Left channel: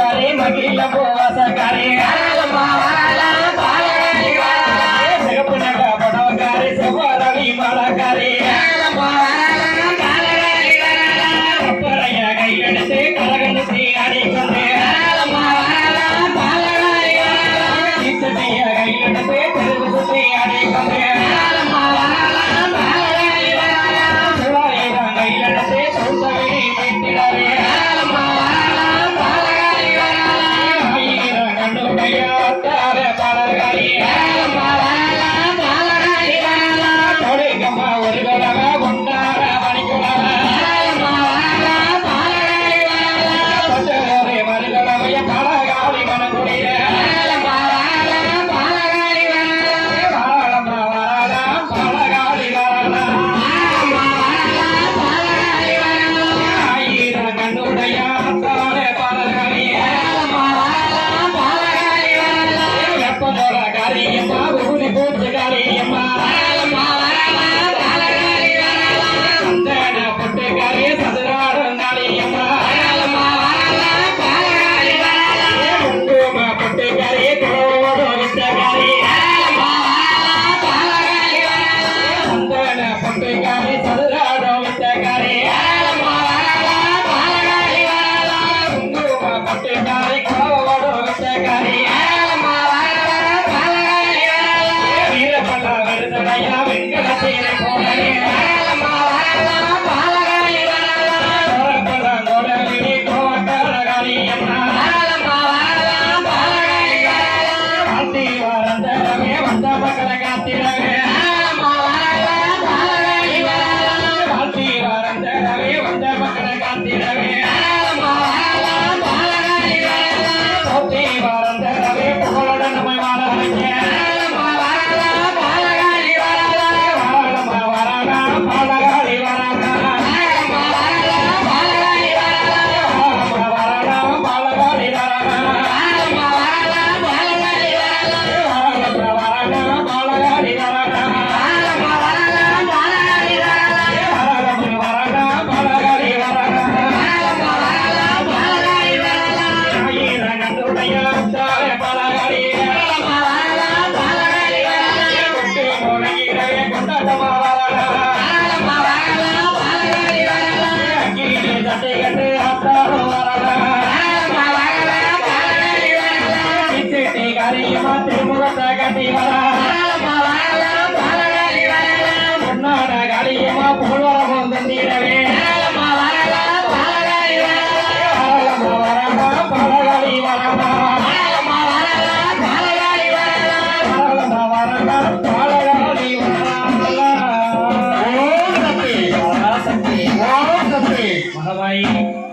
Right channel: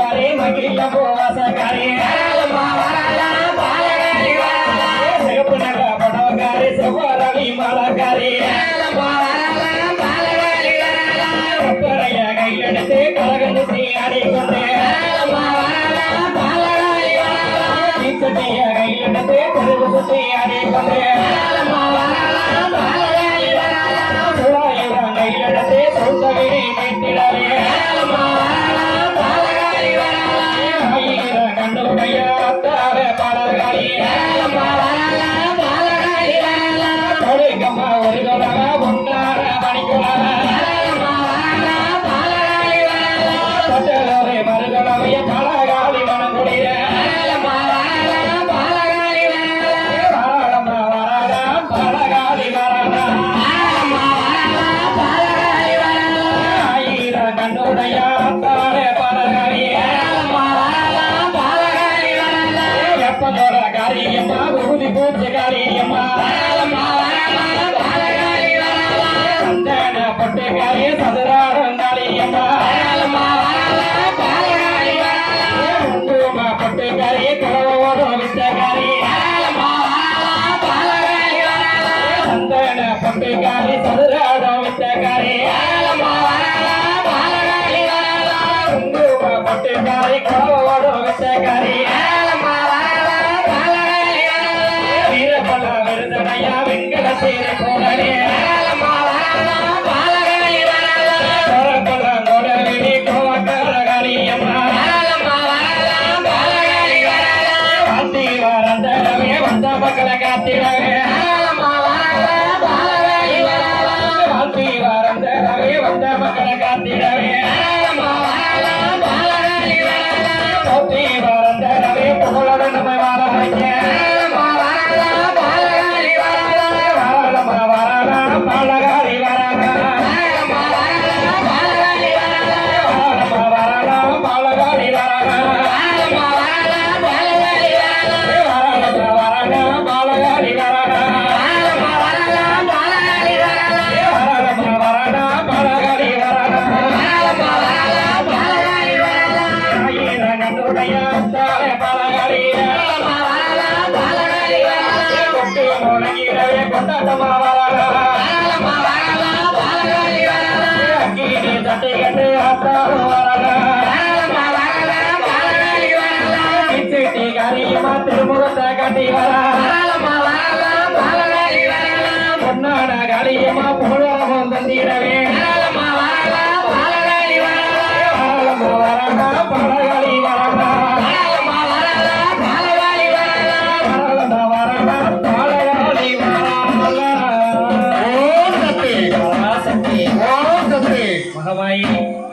பூங்காரே மகிழ போவாசக்காரே சிகப்பு நக படவக்காரே செவ்வாரவி மாலக்காரே கப்பறைய கையெடுத்து கரகணித்து அடிக்கொண்டு சீச்சட்டிய கையெடுத்து பெருகு சுத்தி அடிக்கொண்டு சுழாயிரம் கையெடுத்து சொந்தகிரி மீட்டிடவே காரியம்மா ஊதி பூச்சி காரியம்மா சந்தன பொட்டுக்காரிய சதுராடம் நாடியம்மா குங்கும பொட்டுக்காரிய குறவோட வித்தகாரி சந்தன பொட்டுக்காரி சதுராடம் வித்தகாரி குங்கும பொட்டுக்காரி குறவோட வித்தகாரி வெங்கடசீரை போனே வந்த மக்களை காத்திரவே வந்த மக்களை காத்திரவே புகழோட நம்ம வாழ திருமுகத்தை கட்டி பொன்னாட காரியமா புகழம் தந்திரவே மகமாயி